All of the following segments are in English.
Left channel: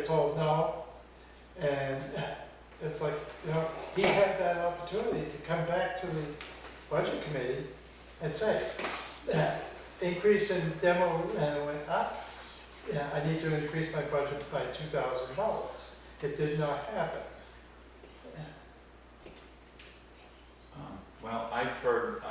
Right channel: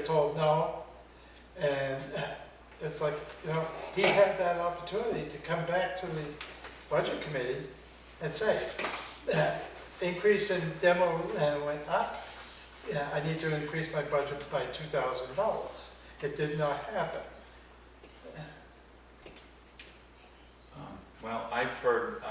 were told no. And it's like, he had that opportunity to come back to the budget committee and say, increase in demo went up. Yeah, I need to increase my budget by $2,000. It did not happen. Well, I've heard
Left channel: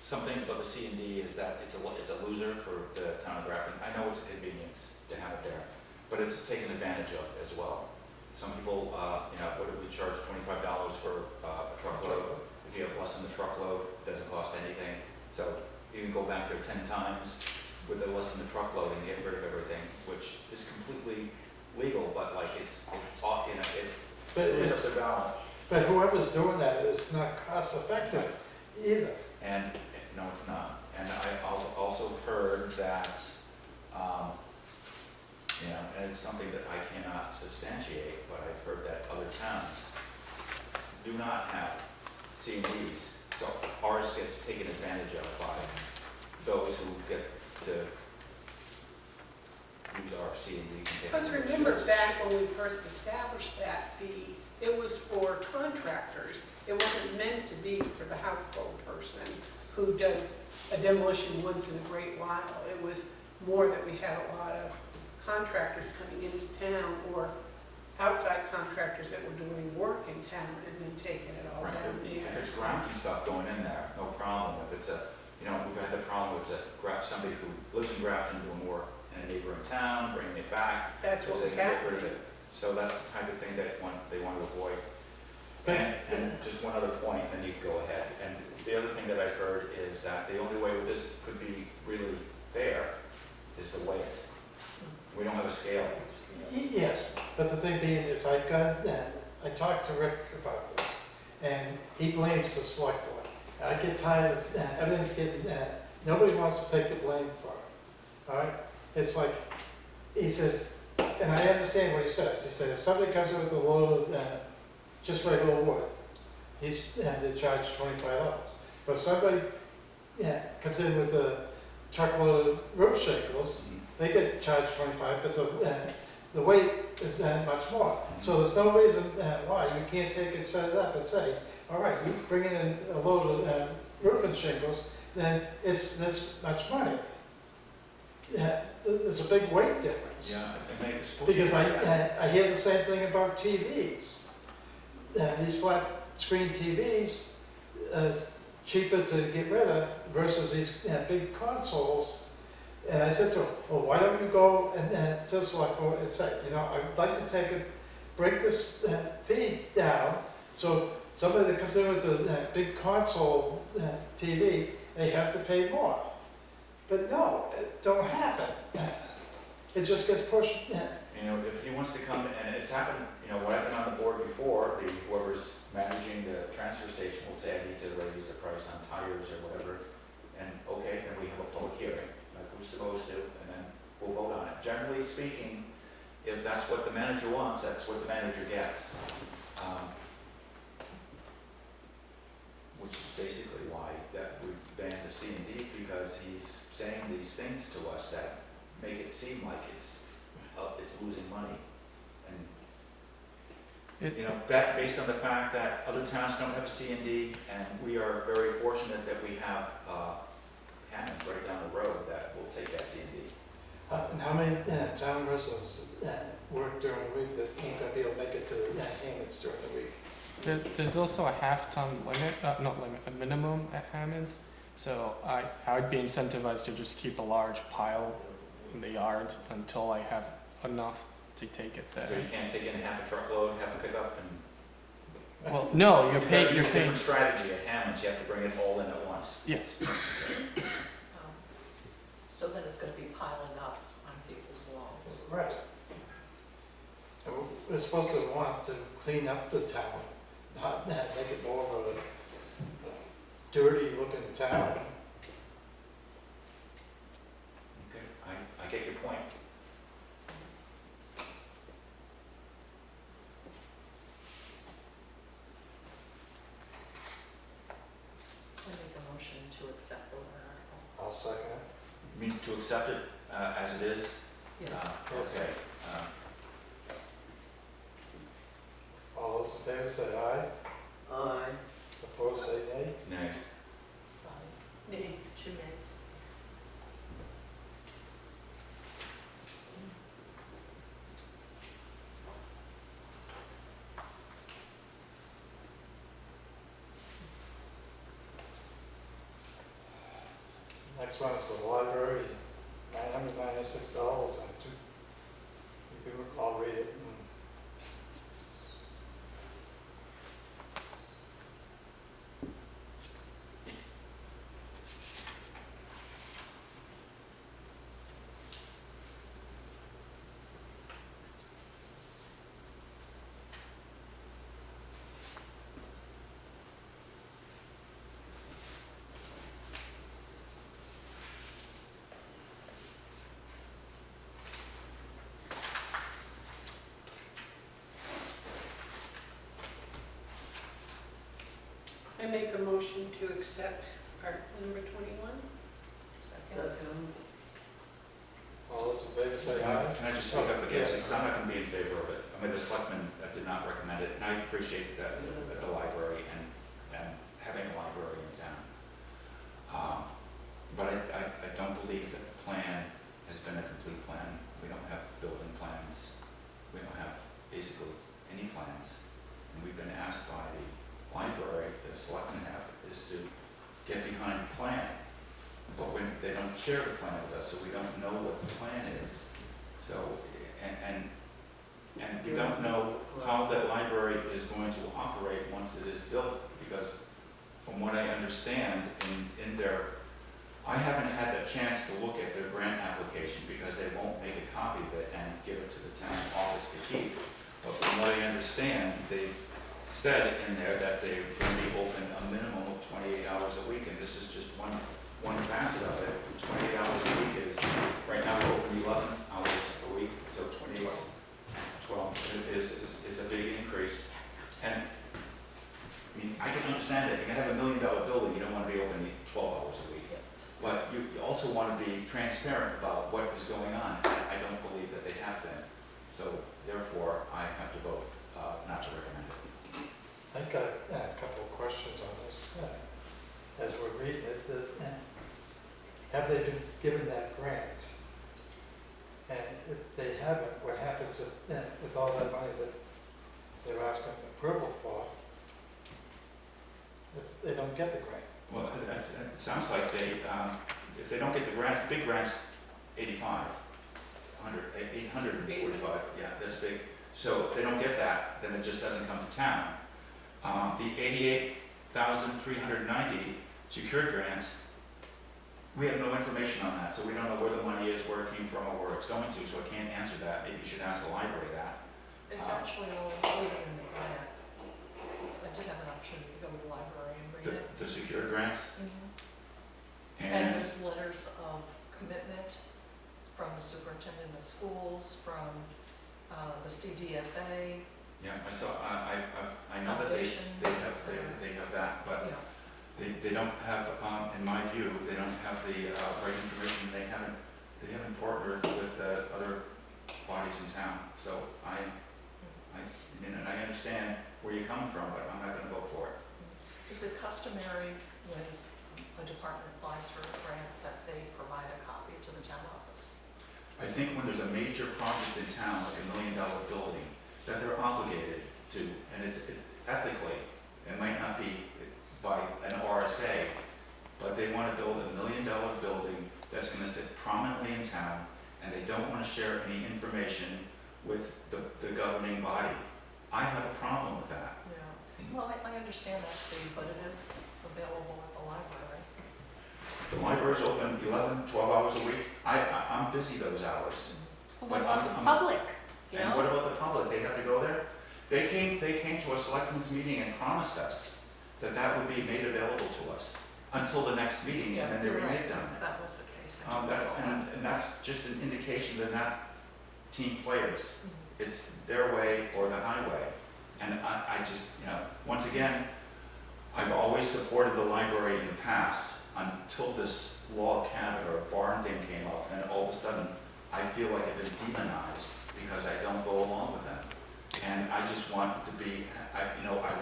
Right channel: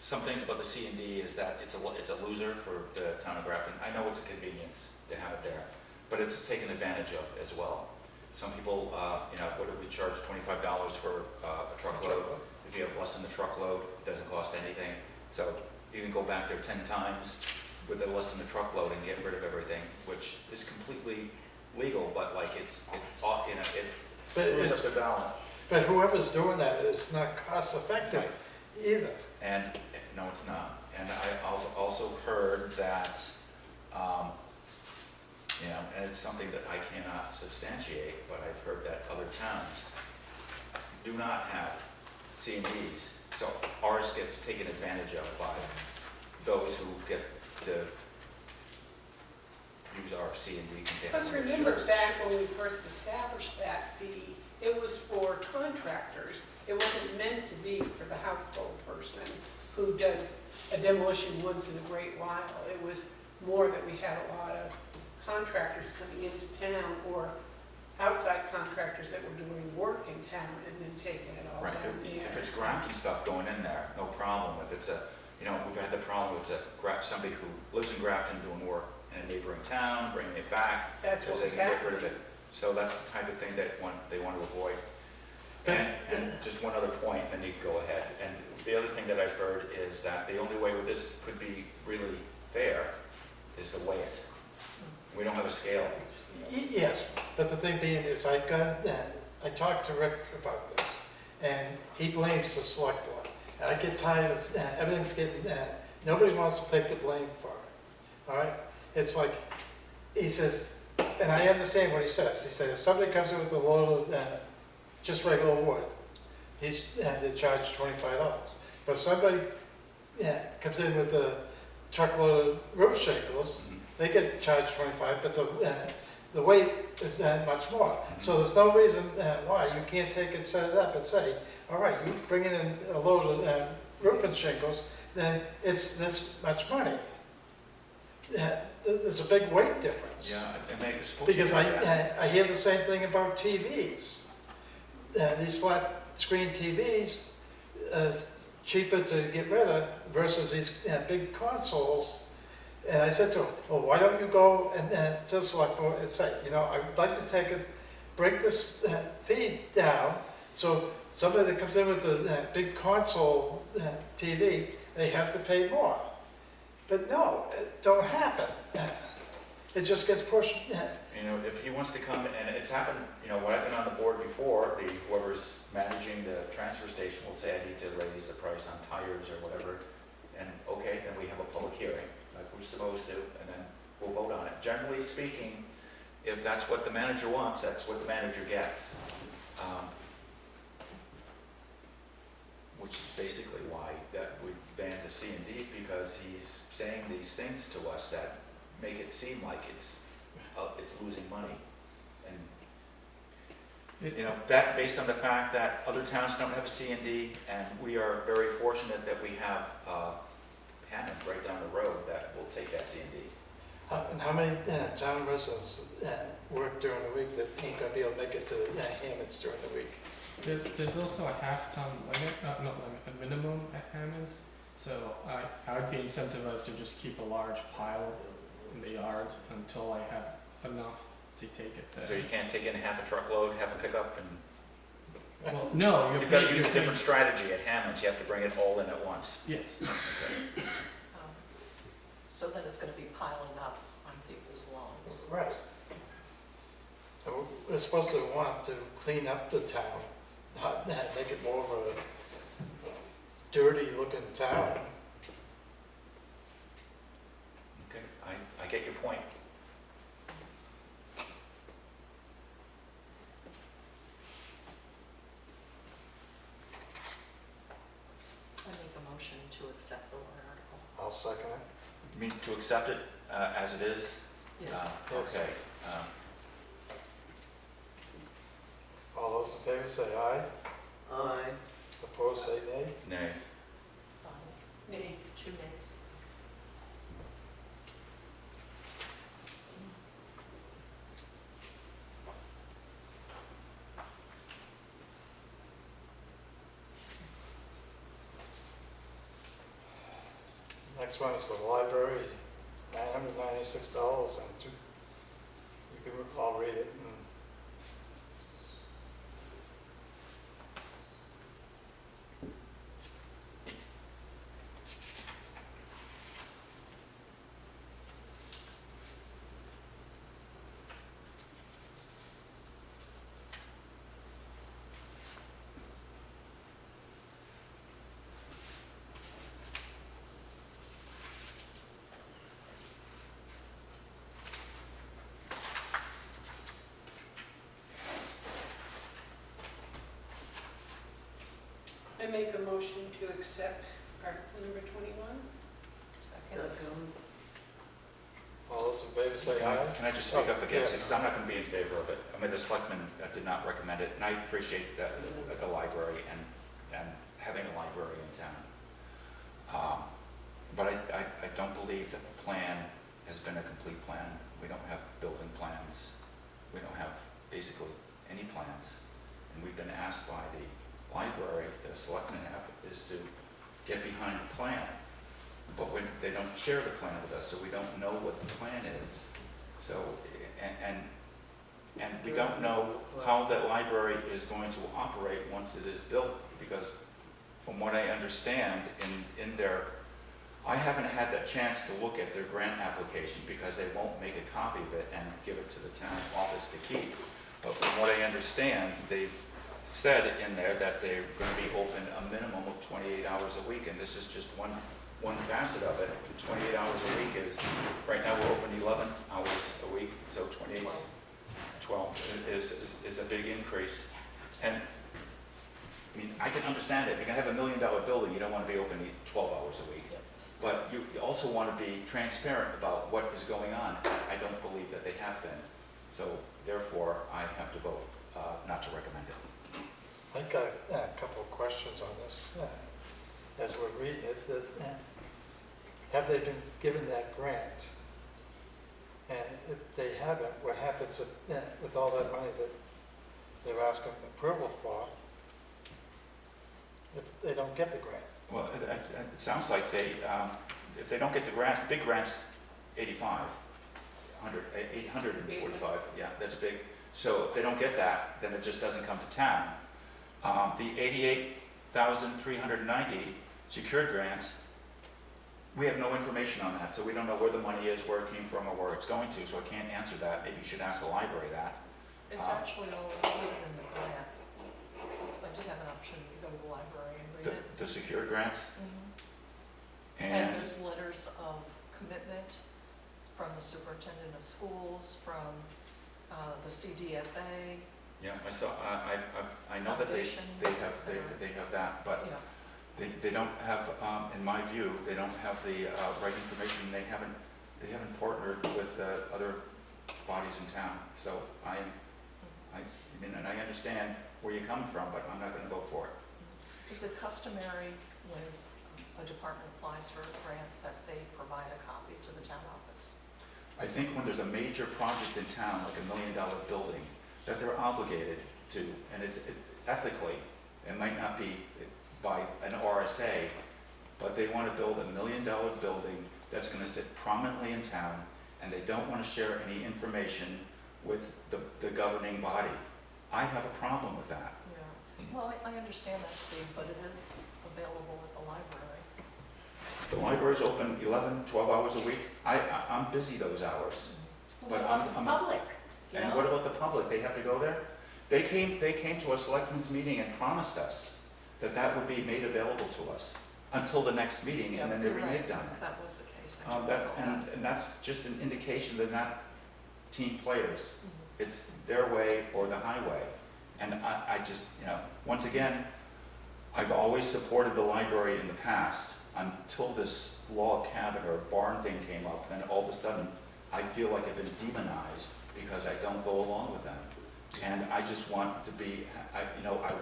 some things about the C&D is that it's a loser for the town of Grafton. I know it's a convenience to have it there, but it's taken advantage of as well. Some people, what do we charge, $25 for a truckload? If you have less than the truckload, it doesn't cost anything. So you can go back there 10 times with a less than the truckload and get rid of everything, which is completely legal, but like it screws up the balance. But whoever's doing that, it's not cost effective either. And no, it's not. And I also heard that, and it's something that I cannot substantiate, but I've heard that other towns do not have C&Ds. So ours gets taken advantage of by those who get to use our C&D containers. Because remember back when we first established that fee, it was for contractors. It wasn't meant to be for the household person who does a demolition once in a great while. It was more that we had a lot of contractors coming into town or outside contractors that were doing work in town and then taking it all Right. down there. If it's Grafton stuff going in there, no problem. If it's we've had the problem with somebody who lives in Grafton doing work in a neighboring town, bringing it back. That's what they was can get rid of happening. it. So that's the type of thing that they want to avoid. And just one other point, then you can go ahead. And the other thing that I've heard is that the only way with this could be really fair is to weigh it. We don't have a scale. Yes, but the thing being is I talked to Rick about this, and he blames the select board. I get tired of everything's getting, nobody wants to take the blame for it, all right? It's like, he says, and I understand what he says. He said if somebody comes in with a load of just regular wood, they charge $25. But if somebody comes in with a truckload of roof shingles, they get charged $25, but the weight is much more. So there's no reason why you can't take it, set it up and say, all right, you bring in a load of roofing shingles, then it's this much money. There's a big weight difference. Yeah, Because I hear the same thing about TVs. These flat screen TVs, cheaper to get rid of versus these big consoles. And I said to him, well, why don't you go and to the select board and say, I would like to break this fee down, so somebody that comes in with a big console TV, they have to pay more. But no, it don't happen. It just gets pushed. If he wants to come, and it's happened, when I've been on the board before, whoever's managing the transfer station will say, I need to raise the price on tires or whatever. And okay, then we have a public hearing, like we're supposed to, and then we'll vote on it. Generally speaking, if that's what the manager wants, that's what the manager gets. Which is basically why that we banned the C&D, because he's saying these things to us that make it seem like it's losing money. And that based on the fact that other towns don't have a C&D, and we are very fortunate that we have Hammond right down the road that will take that C&D. And how many town residents work during the week that ain't gonna be able to make it to Hammond's during the week? There's also a half-ton limit, not limit, a minimum at Hammond's. So I would be incentivized to just keep a large pile in the yard until I have enough to take it there. So you can't take in half a truckload, half a pickup, and Well, no, you've got to use a different strategy at Hammond's. You have to bring it all in at once. Yes. So then it's going to be piling up on people's lawns. Right. And we're supposed to want to clean up the town, not make it more of a dirty looking town. Okay, I get your point. I make a motion to accept the warrant article. I'll second it. You mean to accept it as it is? Yes. Okay, All those in favor say aye. Aye. Opposed, say nay. nay. Nay. 2 nays. Next one is the library, $996 and two, you can, I'll read it. I make a motion to accept Article number 21. Second. Second. All those in favor say aye. Can I just speak up against it, Yes. because I'm not gonna be in favor of it. I mean, the selectmen did not recommend it, and I appreciate that at the library and having a library in town. But I don't believe that the plan has been a complete plan. We don't have building plans. We don't have basically any plans. And we've been asked by the library, the selectmen have, is to get behind the plan. But when they don't share the plan with us, so we don't know what the plan is. So, and we don't know how the library is going to operate once it is built, because from what I understand in their, I haven't had the chance to look at their grant application because they won't make a copy of it and give it to the town office to keep. But from what I understand, they've said in there that they're going to be open a minimum of 28 hours a week, and this is just one facet of it. 28 hours a week is, right now we're open 11 hours a week, so 28, 12 is a big increase. And I mean, I can understand it. If you have $1 million building, you don't want to be open 12 hours a week. Yep. But you also want to be transparent about what is going on. I don't believe that they have been. So therefore, I have to vote not to recommend it. I've got a couple of questions on this. As we're reading it, have they been given that grant? And if they haven't, what happens with all that money that they're asking approval for if they don't get the grant? Well, it sounds like they, if they don't get the grant, the big grant's 845, yeah, that's big. So if they don't get that, then it just doesn't come to town. The 88,390 secured grants, we have no information on that, so we don't know where the money is, where it came from, or where it's going to, so I can't answer that. Maybe you should ask the library that. It's actually all included in the grant. I did have an option to go to the library and read it. The secured grants, And and there's letters of commitment from the superintendent of schools, from the CDFA. yeah, I saw, I know that they Foundations, have that, but Yeah, they don't have, in my view, they don't have the right information. They haven't partnered with other bodies in town. So I mean, and I understand where you're coming from, but I'm not going to vote for it. is it customary when a department applies for a grant that they provide a copy to the town office? I think when there's a major project in town, like $1 million building, that they're obligated to, and ethically, it might not be by an RSA, but they want to build $1 million building that's going to sit prominently in town, and they don't want to share any information with the governing body. I have a problem with that. Yeah, well, I understand that, Steve, but it is available at the library. The library's open 11, 12 hours a week. I'm busy those hours. What But about I'm- the I'm- public, you And know? what about the public? They have to go there? They came to a selectmen's meeting and promised us that would be made available to us until the next meeting, and then they You're right. reneged on it. That was the case. I do That, recall that. and that's just an indication they're not team players. Mhm. It's their way or the highway. And I just, once again, I've always supported the library in the past until this log cabin or barn thing came up, and all of a sudden, I feel like I've been demonized because I don't go along with them. And I just want to be, I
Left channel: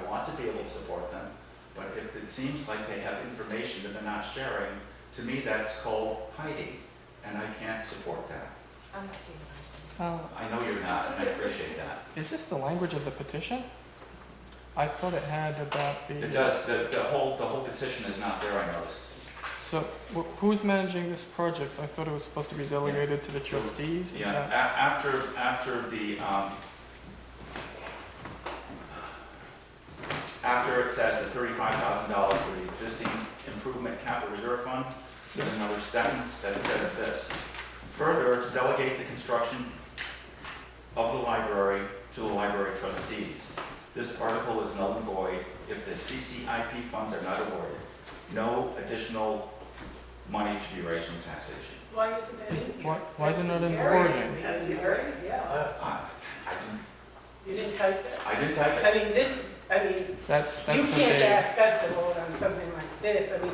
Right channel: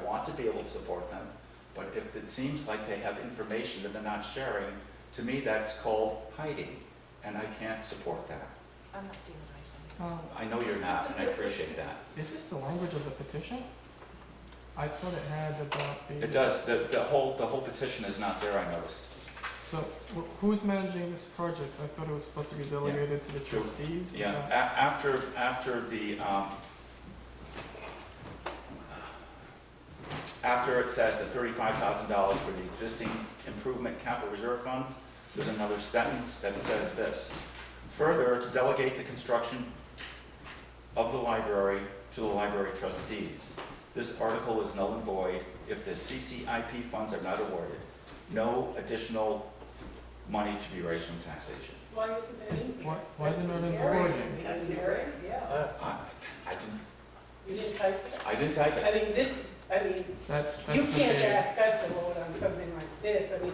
want to be able to support them, but if it seems like they have information that they're not sharing, to me that's called hiding, and I can't support that. I'm not demonizing. I know you're not, and I appreciate that. Is this the language of the petition? I thought it had about the. It does, the whole petition is not there, I noticed. So who's managing this project? I thought it was supposed to be delegated to the trustees. Is Yeah, that- after it says the $35,000 for the existing improvement capital reserve fund, there's another sentence that says this. Further, to delegate the construction of the library to the library trustees. This article is null and void if the CCIP funds are not awarded. No additional money to be raised from taxation. Why isn't that in here? Why isn't it in the Very- wording? That's very, yeah. I didn't, You didn't type that? I didn't type I it. mean, That's you the can't date. ask us to vote on something like this. I mean,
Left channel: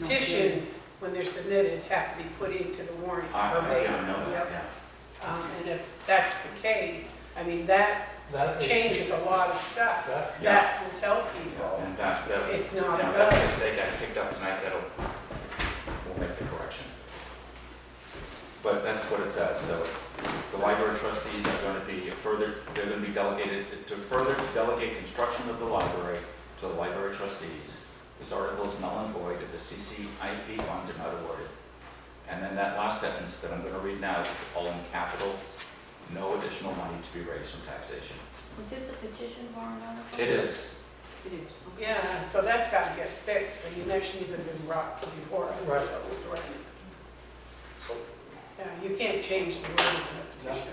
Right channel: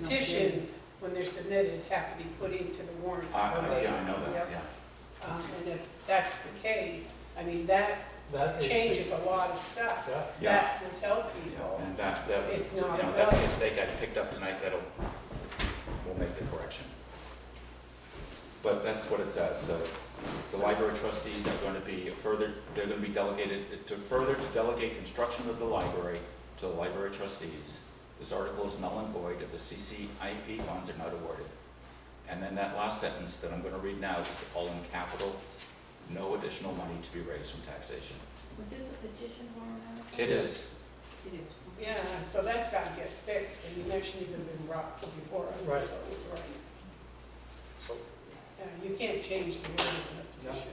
petitions, when they're submitted, have to be put into the warrant. Yeah, I verbatim. know that, Yep. yeah. And if that's the case, I mean, that That needs to- changes a lot of stuff. That, Yeah. That will tell Yeah, people and that, it's not you know, a that's a vote. mistake I picked up tonight we'll make the correction. But that's what it says, so the library trustees are going to be they're going to be delegated, to delegate construction of the library to the library trustees. This article is null and void if the CCIP funds are not awarded. And then that last sentence that I'm going to read now is all in capitals, no additional money to be raised from taxation. Was this a petition warrant article? It is. It is. Yeah, so that's got to get fixed. I mean, that shouldn't even been brought before us. Right. So it was right. so Yeah, you can't change the wording of the petition.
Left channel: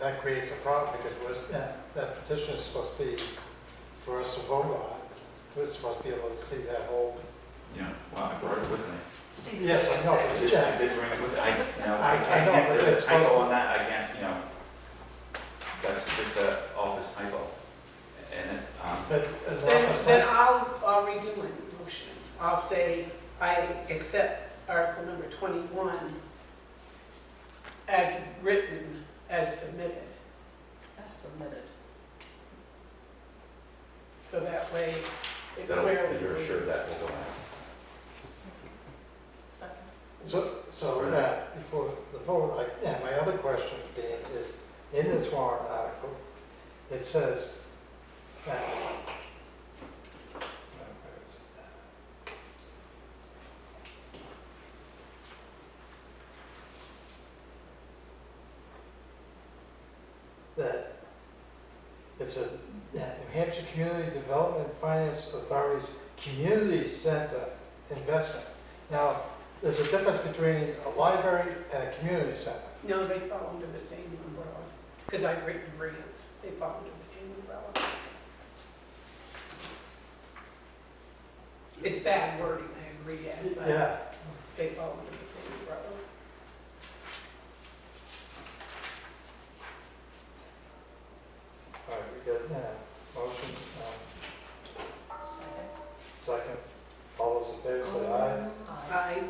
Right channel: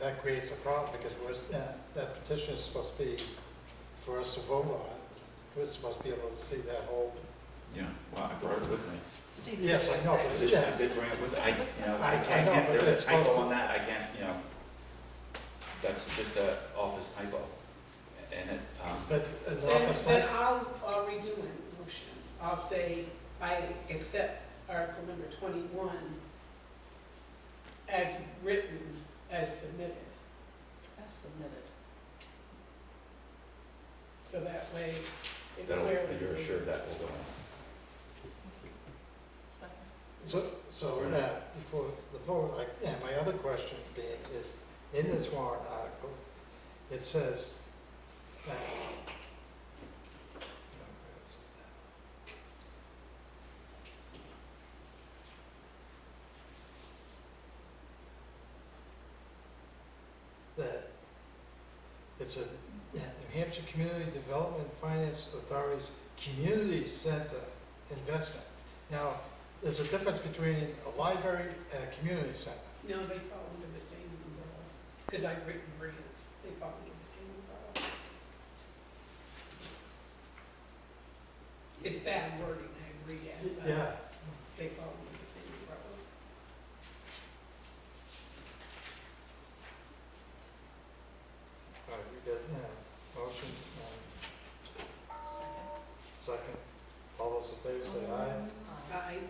that creates a problem because that petition is supposed to be for us to vote on it. We're supposed to be able to see that whole. Yeah, well, I brought it with me. Steve's Yes, getting I know, it but fixed. I did bring it with, I I know, can't, but there's it's a typo supposed to- on that, I can't, that's just an office typo. And it, But Then I'll redo my motion. I'll say I accept Article number 21 as written, as submitted. As submitted. So that way it that'll, clearly. you're assured that will go in. Second. So before the vote, my other question being is, in this warrant article, it says that, where is it now? That it's a New Hampshire Community Development Finance Authority's Community Center investment. Now, there's a difference between a library and a community center. No, they fall under the same umbrella, because I've written grants, they fall under the same umbrella. It's bad wording, I agree, Ed, but Yeah, they fall under the same umbrella. all right, we got, motion, Second. second. All those in favor say aye. Aye.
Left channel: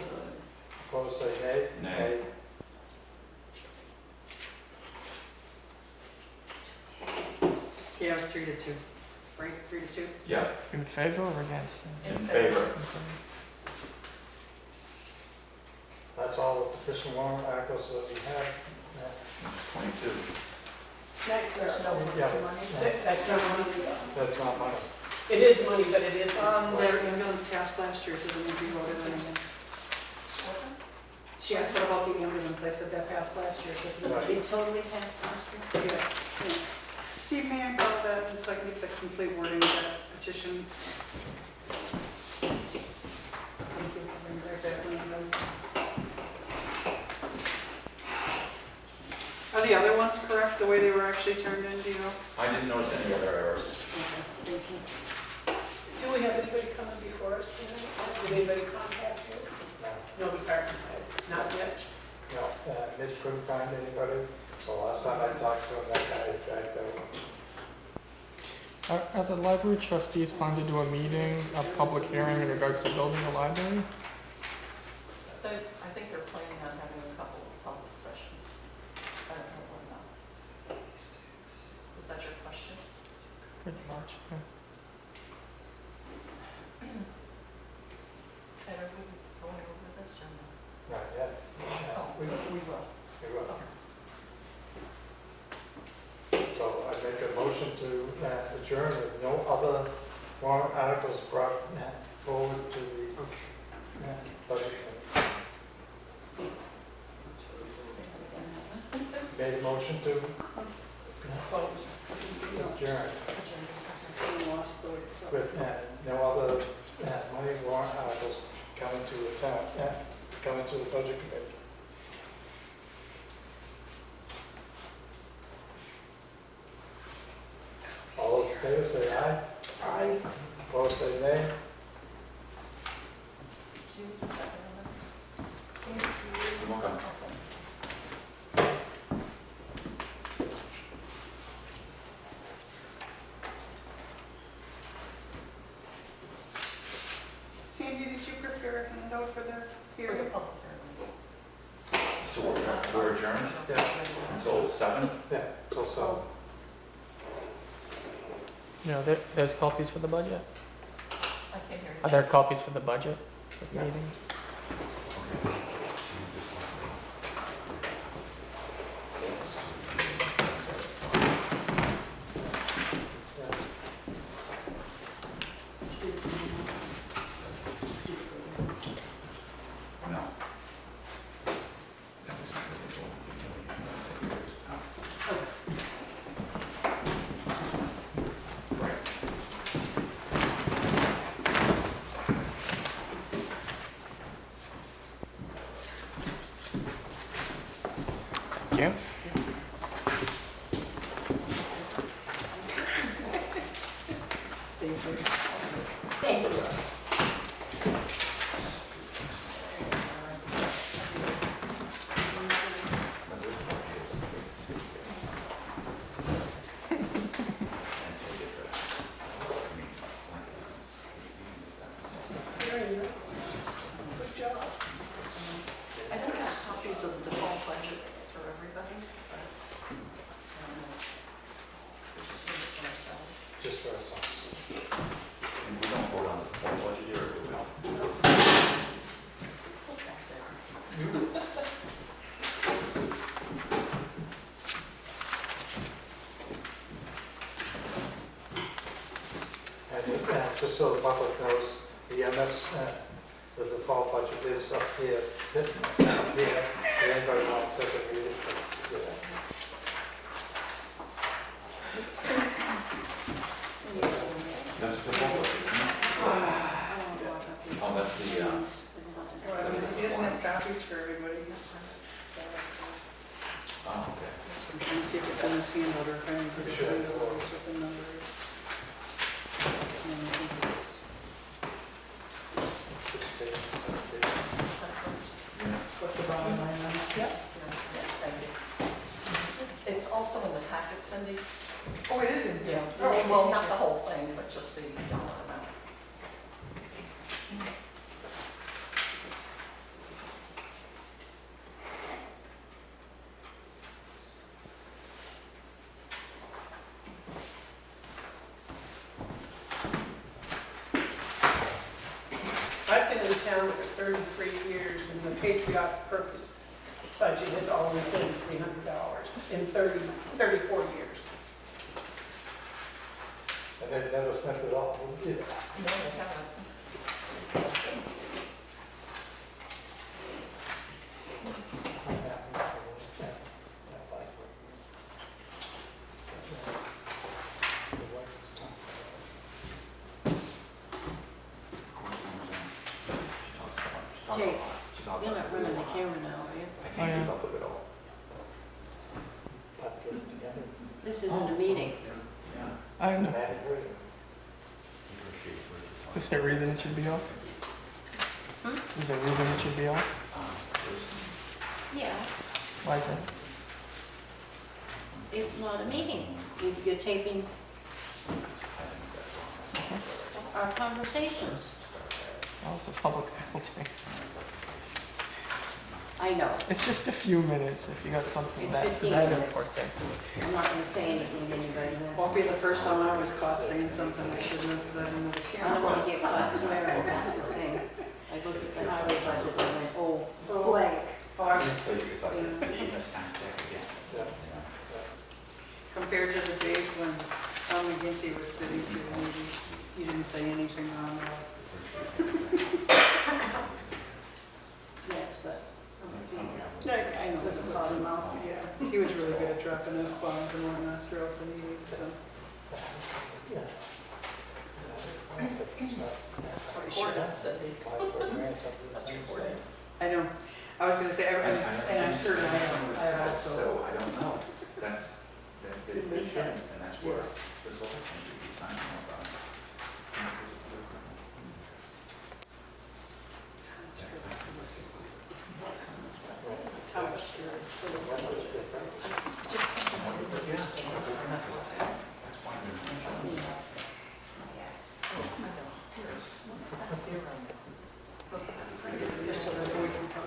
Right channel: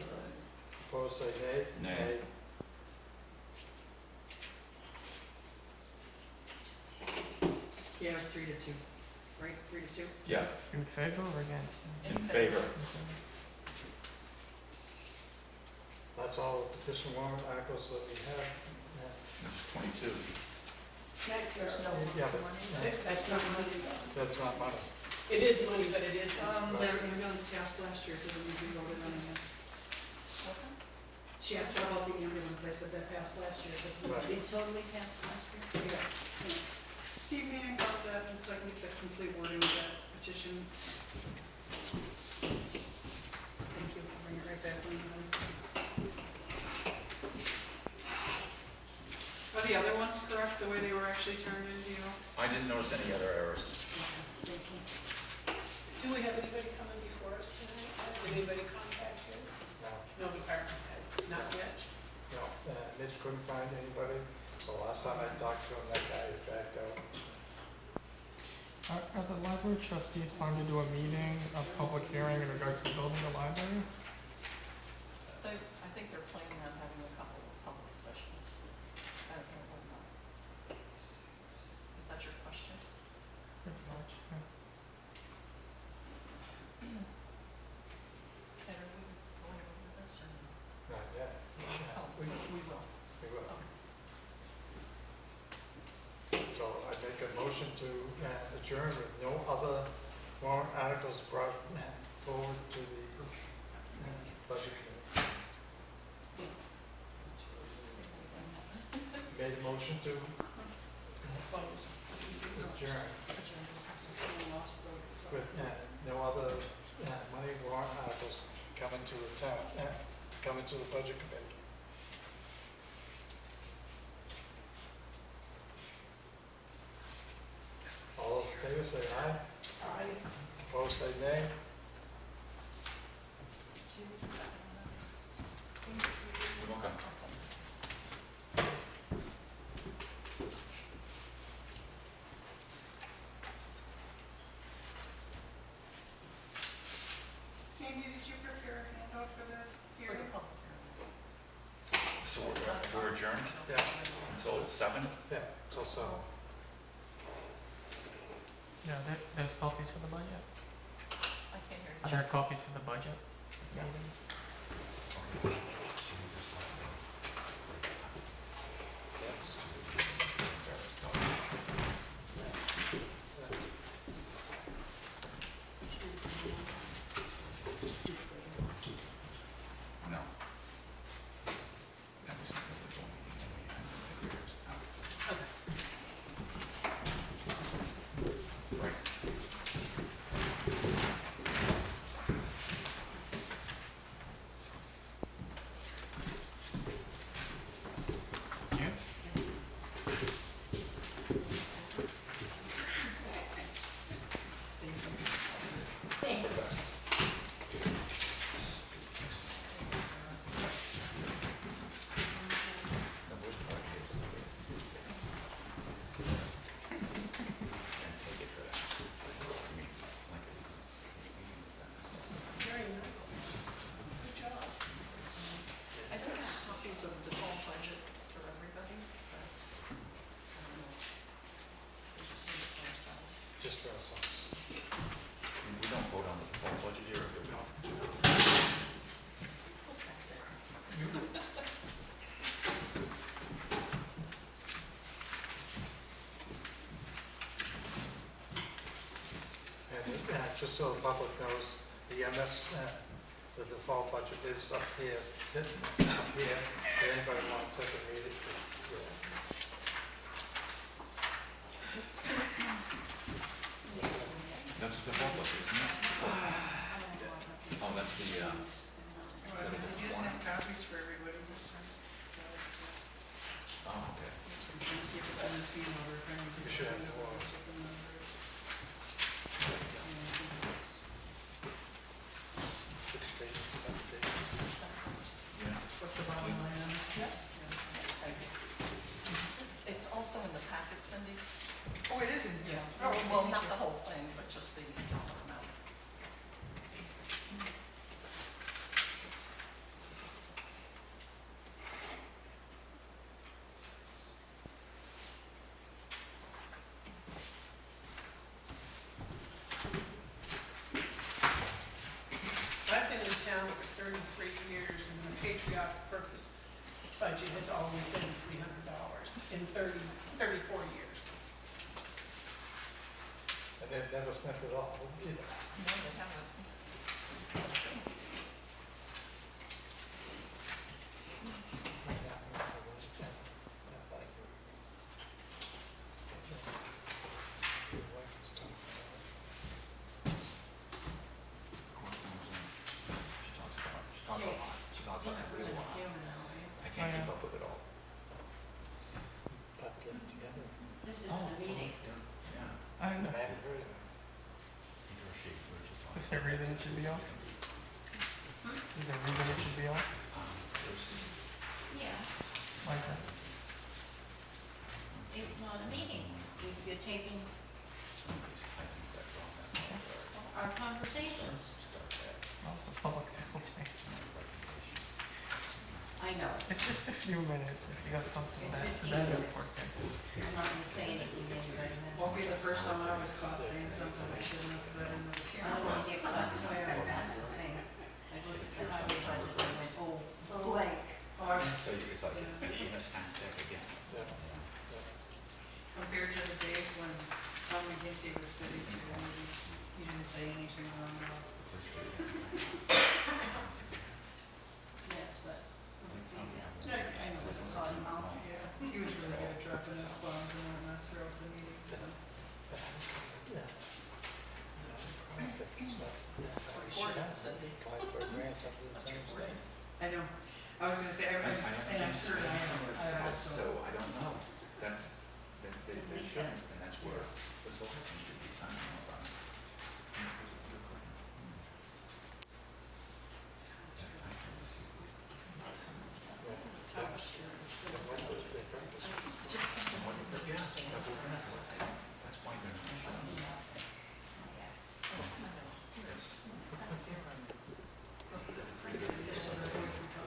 Opposed say nay. Nay. Yeah, it was 3-2, right? 3-2? Yeah, In favor or against? in favor. That's all the petition warrant articles that we have. It's 22. Next, There's no Yeah, but- money. that's not money. That's not money. It is money, but it isn't. Their ambulance passed last year, so then we voted on it. What's that? She asked what about the ambulance, I said that passed last year, because Right. It totally passed last year? yeah. Steve, may I borrow that so I can get the complete wording of that petition? Thank you, I'll bring it right back when I'm done. Are the other ones correct, the way they were actually turned in, do you know? I didn't notice any other errors. Okay, thank you. Do we have anybody coming before us tonight? Did anybody contact you? No, No department head, not yet. no, Mitch couldn't find anybody, so last time I talked to him, that guy backed out. Are the library trustees planning to do a meeting, a public hearing in regards to building the library? I think they're planning on having a couple of public sessions. So I make a motion to adjourn with no other warrant articles brought forward to the budget committee. Say that again. Made a motion to Close. adjourn I lost the way it's up. with no other money warrant articles coming to the town, coming to the budget committee. All those in favor say aye. Aye. Opposed say nay. Do you need a second on that? You're welcome. I'll second. Sandy, did you prepare a handout for the For the hearing? public hearings. So we're adjourned Yeah. until 7? Yeah, so. You know, there's copies for the budget? I can't hear you. Are there copies for the budget? at the Yes. meeting? No. That was not really what we did, we had to take yours out. Right. Thank you. Thank you. Very nice. Good job. I don't have copies of the default budget for everybody, but, we just need it for ourselves. Just for ourselves. And we don't vote on the full budget here, or do we? Put that there. And just so the public knows, the MS, the default budget is up here, sitting up here. If anybody want to take a read, it's there. That's the full budget, isn't it? Oh, that's the, Well, he doesn't have copies for everybody. oh, okay. I'm trying to see if it's in this handout or if I need to You should have put four. what the number is. 6 pages, 7 pages. Is that correct? Yeah. What's the bottom line on it? Yeah, thank you. It's also in the packet, Cindy. Oh, it is in here. Yeah, well, not the whole thing, but just the dollar amount. I've been in town for 33 years, and the Patriotic Purpose budget has always been $300 in 34 years. And they've never spent it all either. No, they haven't. I'm happy with that library. The wife was talking about it. She talks a lot. She talks a Jake, lot. She talks You're a not running the lot. camera now, are you? I can't keep up with it all. But get it together. This isn't a meeting. Yeah. I I know. hadn't heard of it. Is there a reason it should be on? Hmm? Is there a reason it should be on? Yeah, Why is that? it's not a meeting. You're taping our conversations. Well, it's a public thing. I know. It's just a few minutes if you got something It's that 15 that minutes. important. I'm not gonna say anything to anybody Won't then. be the first time I was caught saying something I shouldn't have because I didn't know the I camera don't wanna was. get caught swearing, that's the thing. I looked at the highway budget and went, oh, blank. Oh, I've So it's like eating a snack deck again. Yeah. Yeah. come compared to the days when Tom McGinty was sitting through the meetings, he didn't say anything wrong at all. Yes, but. I know, the bottom mouth, yeah. He was really good at dropping F-bombs and whatnot throughout the meeting, so. Yeah. That's recorded, Cindy. That's recorded. I know, I was gonna say, and I'm certain I also. So I don't know, that's, they shouldn't, and that's where the select thing should be signing off on it. Just something I didn't understand. That's why they're not showing it. Oh, I know. That's zero now. Okay.